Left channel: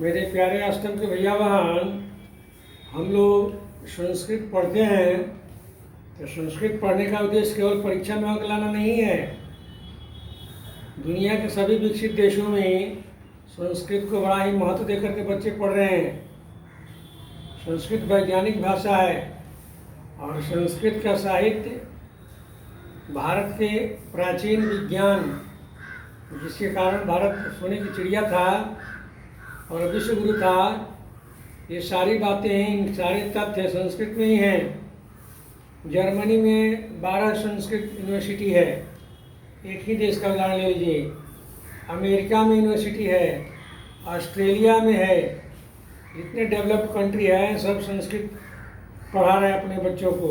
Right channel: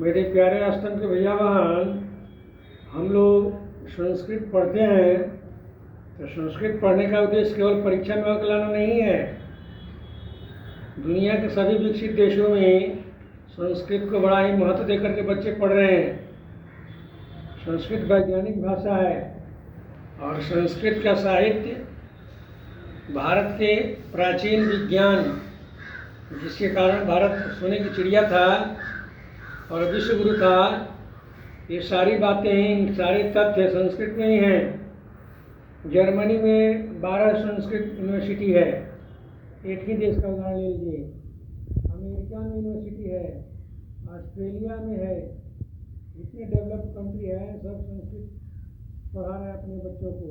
मेरे प्यारे अष्टम के भैया बहन, हम लोग संस्कृत पढ़ते हैं तो संस्कृत पढ़ने का उद्देश्य केवल परीक्षा में अंक लाना नहीं है। दुनिया के सभी विकसित देशों में संस्कृत को बड़ा ही महत्व देकर के बच्चे पढ़ रहे हैं। संस्कृत वैज्ञानिक भाषा है और संस्कृत का साहित्य भारत के प्राचीन विज्ञान, जिसके कारण भारत सोने की चिड़िया था और विश्व गुरु था, ये सारी बातें, सारे तथ्य संस्कृत में ही हैं। जर्मनी में 12 संस्कृत यूनिवर्सिटी है। एक ही देश का उदाहरण ले लीजिए। अमेरिका में यूनिवर्सिटी है, ऑस्ट्रेलिया में है। जितने डेवलप्ड कंट्री हैं सब संस्कृत पढ़ा रहे हैं अपने बच्चों को,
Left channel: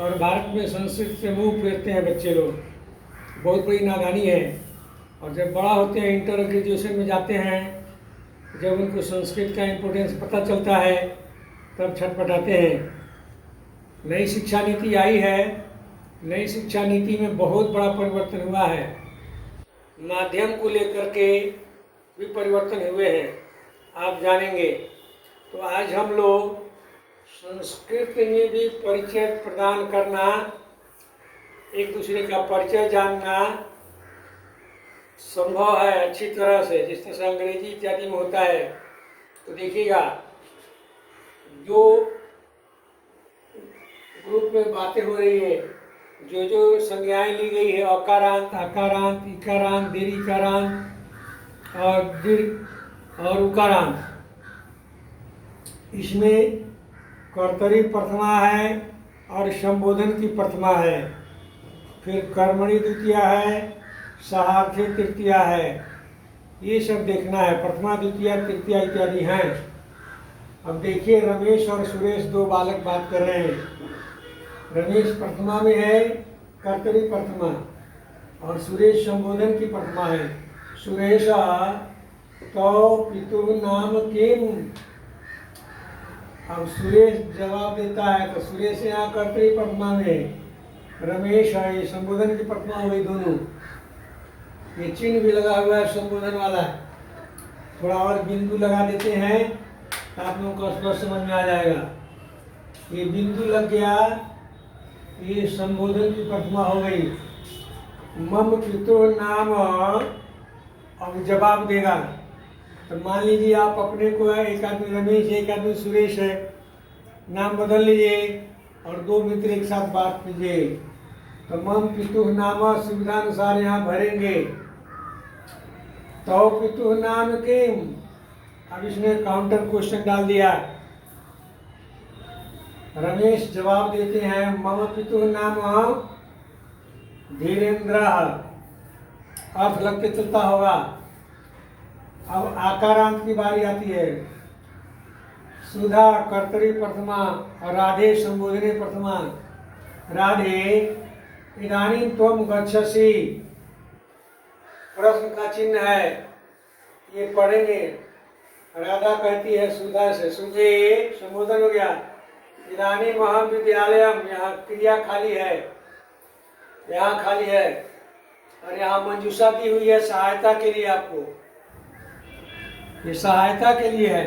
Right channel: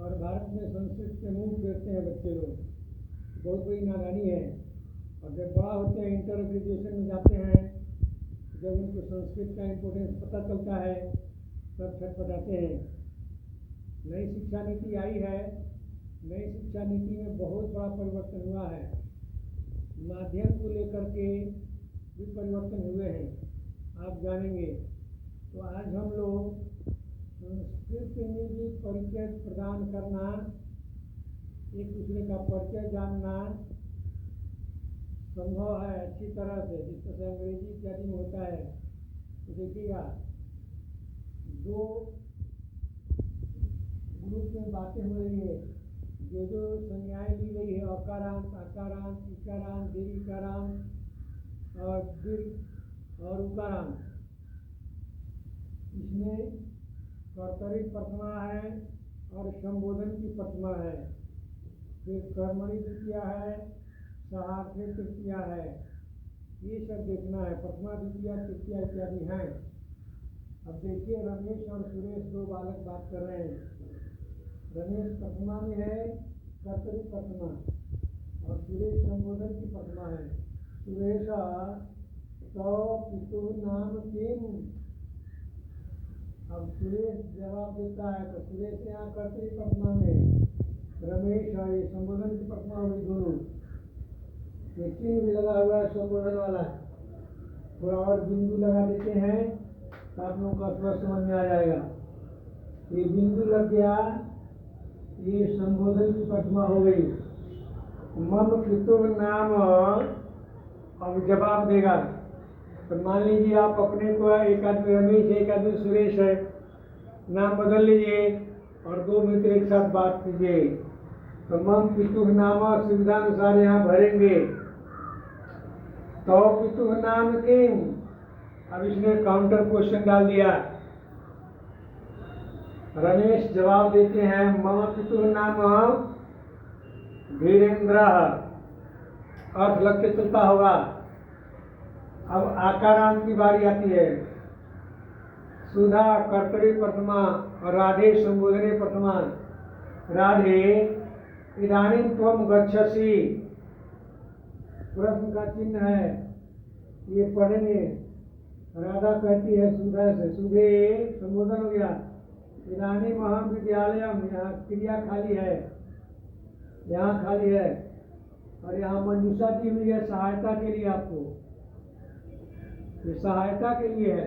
और भारत में संस्कृत से मुंह फेरते हैं बच्चे लोग। बहुत बड़ी नादानी है। और जब बड़ा होते हैं, इंटर ग्रेजुएशन में जाते हैं, जब उनको संस्कृत का इम्पोर्टेंस पता चलता है तब छटपटाते हैं। नई शिक्षा नीति आई है। नई शिक्षा नीति में बहुत बड़ा परिवर्तन हुआ है। माध्यम को लेकर के भी परिवर्तन हुए हैं, आप जानेंगे। तो आज हम लोग संस्कृत में भी परिचय प्रदान करना, एक दूसरे का परिचय जानना संभव है अच्छी तरह से, जिस तरह से अंग्रेजी इत्यादि में होता है। तो देखिएगा, जो ग्रुप में बातें हो रही है, जो जो संज्ञाएं ली गई है, अकारांत, अकारांत, इकारांत, दीर्घिकारांत और दीर्घ और उकारांत, इसमें कर्तरी प्रथमा है और संबोधन की प्रथमा है। फिर कर्मणि द्वितीया है, सहार्थी तृतीया है। ये सब देखना है। प्रथमा, द्वितीया, तृतीया इत्यादि हैं। अब देखिए, रमेश और सुरेश दो बालक बात कर रहे हैं। रमेश प्रथमा में है, कर्तरी प्रथमा, और सुरेश संबोधन की प्रथमा है। सुरेश तो पितु नाम किम। अब सुरेश जवाब देता है, तो सुरेश यहाँ कर्तरी प्रथमा में, रमेश है ये संबोधन की प्रथमा हुई दोनों। ये चिन्ह भी लगा हुआ है संबोधन वाला। थोड़ा और बिंदु लगा देते हैं तो आप लोगों को स्पष्ट समझ में आ जाएगा। ये बिंदु लग गया, ये संबोधन की प्रथमा हो गई। मम पितु नाम, अब जवाब देगा। तो मान लीजिए आप अपने को, एक आदमी रमेश है, एक आदमी सुरेश है, नाम बदल लीजिए और दो मित्र एक साथ बात कीजिए। तो मम पितु नाम सुविधानुसार यहाँ भरेंगे। तो पितु नाम किम। अब इसने काउंटर क्वेश्चन डाल दिया। रमेश जवाब देते हैं, मम पितु नाम धीरेन्द्र। अर्थ लग के चलता होगा। अब आकारांत की बारी आती है। सुधा कर्तरी प्रथमा और राधे संबोधने प्रथमा। राधे इदानीं त्वं गच्छसि। प्रश्न का चिन्ह है, ये पढ़ेंगे। राधा कहती है सुधा से, सुधे संबोधन हो गया। इदानीं महाविद्यालयम, यहाँ क्रिया खाली है, यहाँ खाली है, और यहाँ मंजूषा दी हुई है सहायता के लिए। आपको ये सहायता के लिए है।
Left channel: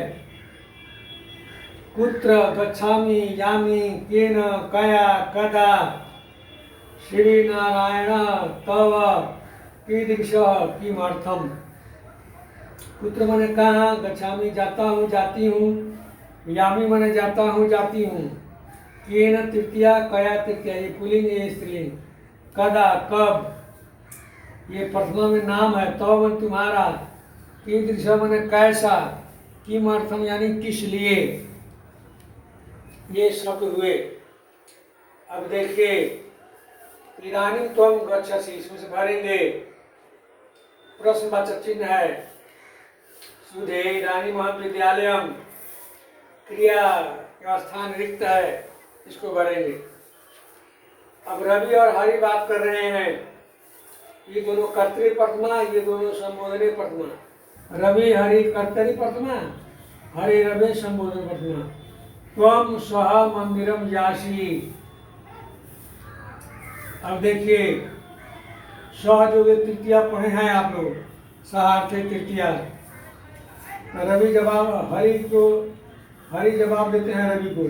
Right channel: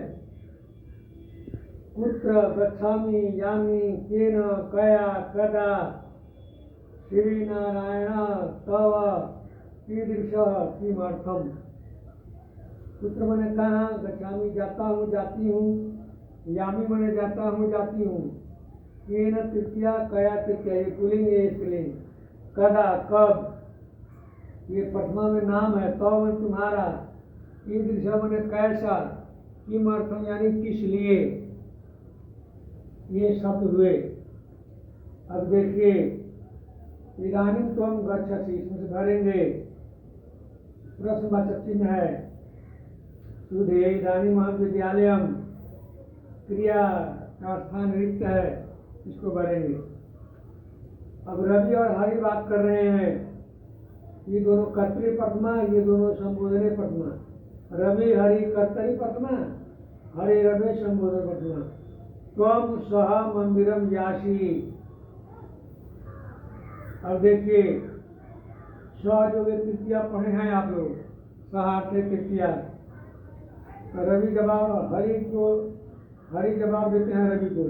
कुत्र गच्छामि यामि केन कया कदा श्री नारायण तव कीदृशः किमर्थम। कुत्र माने कहाँ, गच्छामि जाता हूँ, जाती हूँ, यामी माने जाता हूँ, जाती हूँ, केन तृतीया, कया तृतीया, ये पुल्लिंग है, स्त्रीलिंग। कदा कब, ये प्रथमा में नाम है। तव माने तुम्हारा, कीदृशः माने कैसा, किमर्थम यानी किस लिए। ये शब्द हुए। अब देखिए, इदानीं त्वं गच्छसि, इसमें से भरेंगे। प्रश्नवाचक चिन्ह है। सुधे इदानीं महाविद्यालयम, क्रिया का स्थान रिक्त है, इसको भरेंगे। अब रवि और हरि बात कर रहे हैं। ये दोनों कर्तरी प्रथमा, ये दोनों संबोधने प्रथमा। रवि हरि कर्तरी प्रथमा, हरि रवि संबोधन प्रथमा। त्वं सह मंदिरम यासी। अब देखिए, सह जो तृतीया पढ़े हैं आप लोग, सहार्थे तृतीया। रवि जवाब हरि जवाब देते हैं रवि को,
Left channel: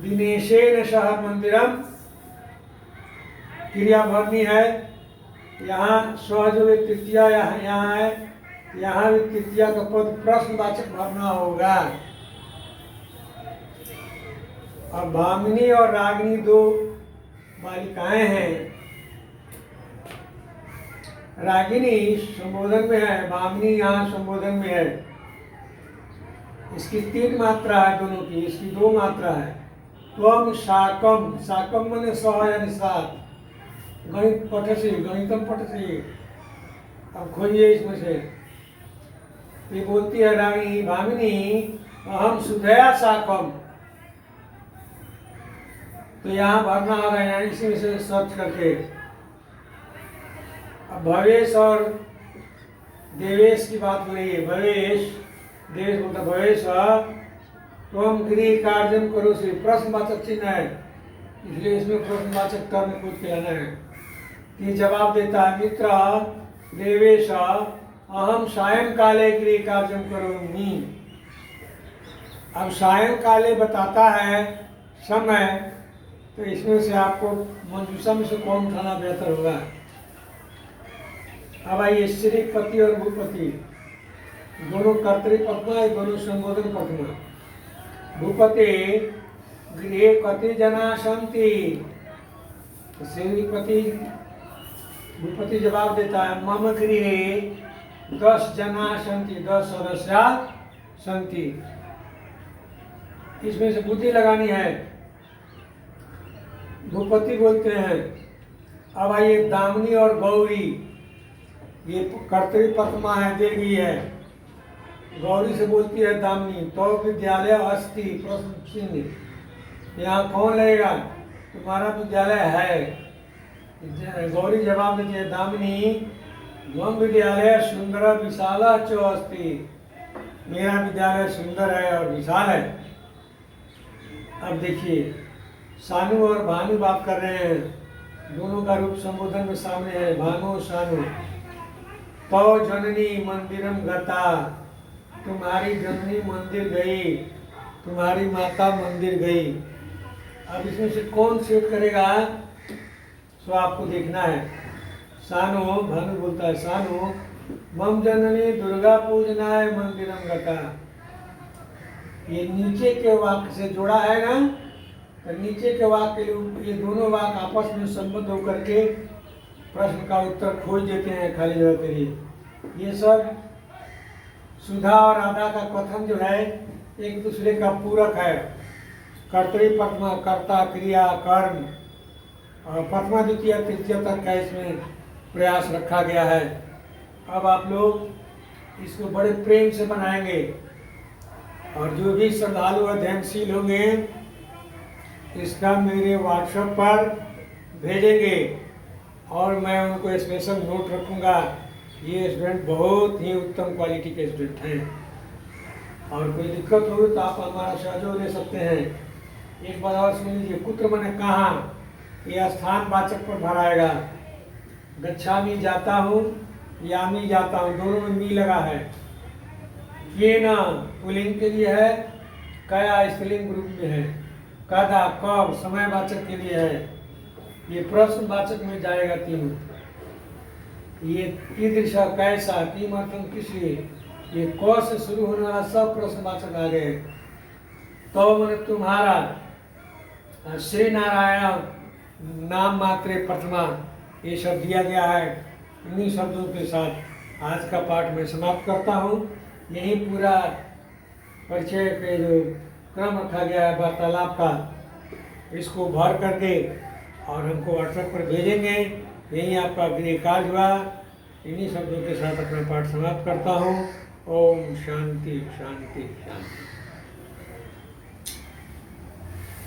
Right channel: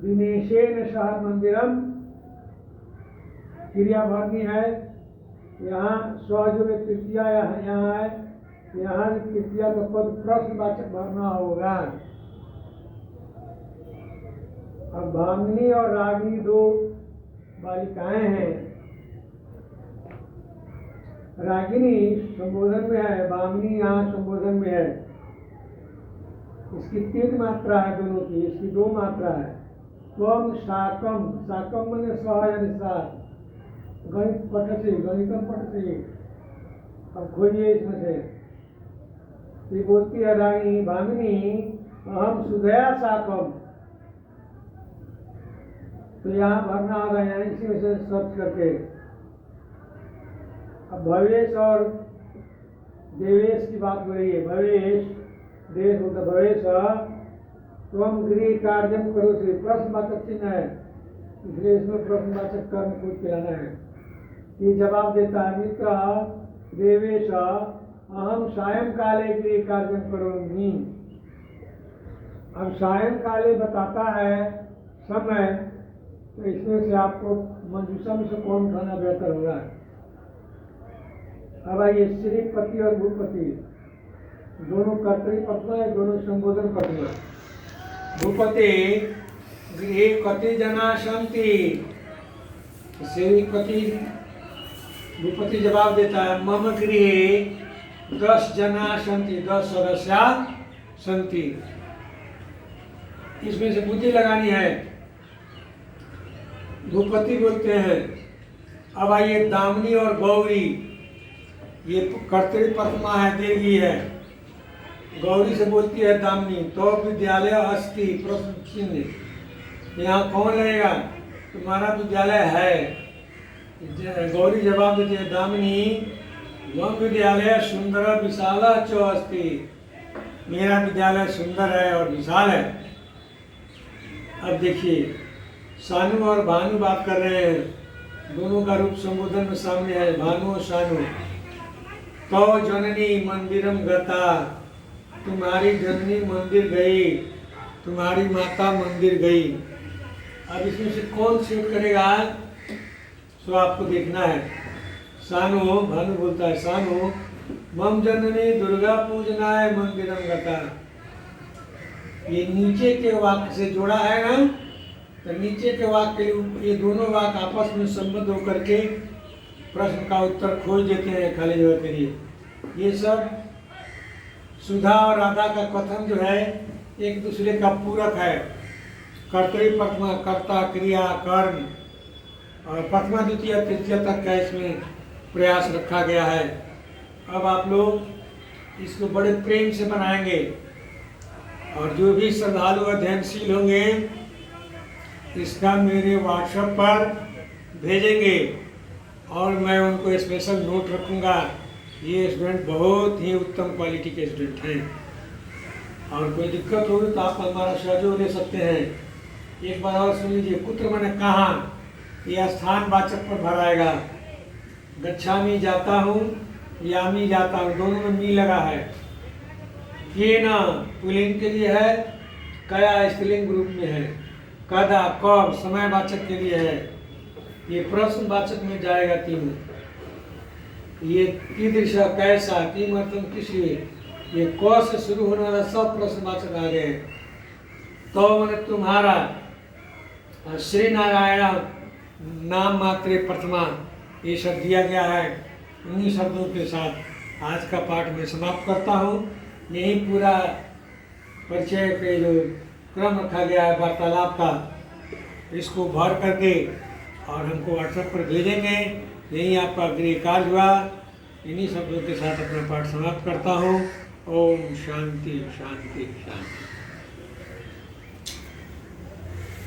दिनेशेन सह मंदिरम, क्रिया भरनी है। यहाँ स्व जो तृतीया यहाँ है, यहाँ भी तृतीया का पद प्रश्नवाचक भरना होगा। और भामिनी और रागिनी दो बालिकाएं हैं। रागिनी संबोधन में है, भामिनी यहाँ संबोधन में है। इसकी 3 मात्रा है दोनों की, इसकी 2 मात्रा है। त्वम शाकम, शाकम मैंने सह यानी 7, गणित पठसी, गणितम पठसी। अब खोजिए इसमें से। ये बोलती है रानी भामिनी, अहम सुधया शाकम, तो यहाँ भरना होगा, यहाँ इसी में से सर्च करके। अब भवेश और देवेश की बात हो रही है। देवेश बोलता भवेश, तुम गृह कार्यम करो से प्रश्नवाचक चिन्ह है, इसलिए इसमें प्रश्नवाचक टर्म कूद के आना है। ये जवाब देता है मित्र देवेश, अहम सायंकाले गृह कार्यम करोमि। अब सायंकाले बताता है समय, तो इसमें से आपको मंजूषा में से कौन उठाना बेहतर होगा। अब आइए श्रीपति और भूपति दोनों कर्तृपत्मा, दोनों संबोधन पत्मा। भूपति गृहे कति जना सन्ति, श्रीपति भूपति जवाब देता है मम गृहे 10 जना सन्ति, 10 सदस्य सन्ति। इसमें से बुद्धि लगानी है। भूपति बोलते हैं। अब आइए दामिनी और गौरी, ये कर्तृपत्मा है, देवी है। गौरी से बोलती है दामिनी, तो विद्यालय अस्ति प्रश्न चिन्ह, यहाँ कौन रहेगा, तुम्हारा विद्यालय है। गौरी जवाब देती है दामिनी, मम विद्यालय सुंदर विशाल चो अस्ति, मेरा विद्यालय सुंदर है और विशाल है। अब देखिए सानू और भानु बात कर रहे हैं, दोनों का रूप संबोधन में सामने है, भानु और सानू। तो जननी मंदिरम गता, तुम्हारी जननी मंदिर गई, तुम्हारी माता मंदिर गई। अब इसमें से कौन सेट करेगा, तो आपको देखना है। सानू, भानु बोलता है सानू, मम जननी दुर्गा पूजनाय मंदिरम गता। ये नीचे के वाक्य से जोड़ा है ना, तो नीचे के वाक्य, ये दोनों वाक्य आपस में संबद्ध होकर के प्रश्न का उत्तर खोज देते हैं खाली जगह के लिए। ये सब सुधा और राधा का कथन जो है एक दूसरे का पूरक है। कर्तृपत्मा, कर्ता, क्रिया, कर्म, और प्रथमा द्वितीय तृतीय तक का इसमें प्रयास रखा गया है। अब आप लोग इसको बड़े प्रेम से बनाएंगे, और जो भी श्रद्धालु अध्ययनशील होंगे इसका मेरे व्हाट्सएप पर भेजेंगे, और मैं उनको स्पेशल नोट रखूँगा। ये स्टूडेंट बहुत ही उत्तम क्वालिटी के स्टूडेंट हैं, और कोई दिक्कत होगी तो आप हमारा सहयोग ले सकते हैं। एक बार और सुन लीजिए, कुत्र मैंने कहा, यह स्थान वाचक पर भराएगा। गच्छामी जाता हूँ, यामी जाता हूँ, दोनों में मी लगा है। ये ना पुल्लिंग के लिए है, कया स्त्रीलिंग रूप में है, कदा कब समयवाचक के लिए है। ये प्रश्नवाचक में जाएगा तीनों। ये कीदृशा कैसा, किमर्थम किस लिए, ये क से शुरू होने वाला सब प्रश्नवाचक आ गए। तो मैंने तुम्हारा, श्री नारायण नाम मात्रे प्रथमा, ये सब दिया गया है। इन्हीं शब्दों के साथ आज का पाठ में समाप्त करता हूँ। यही पूरा परिचय के जो क्रम रखा गया है वार्तालाप का, इसको भर करके और हमको व्हाट्सएप पर भेजेंगे। यही आपका गृह कार्य हुआ। इन्हीं शब्दों के साथ अपना पाठ समाप्त करता हूँ। ओम शांति शांति शांति।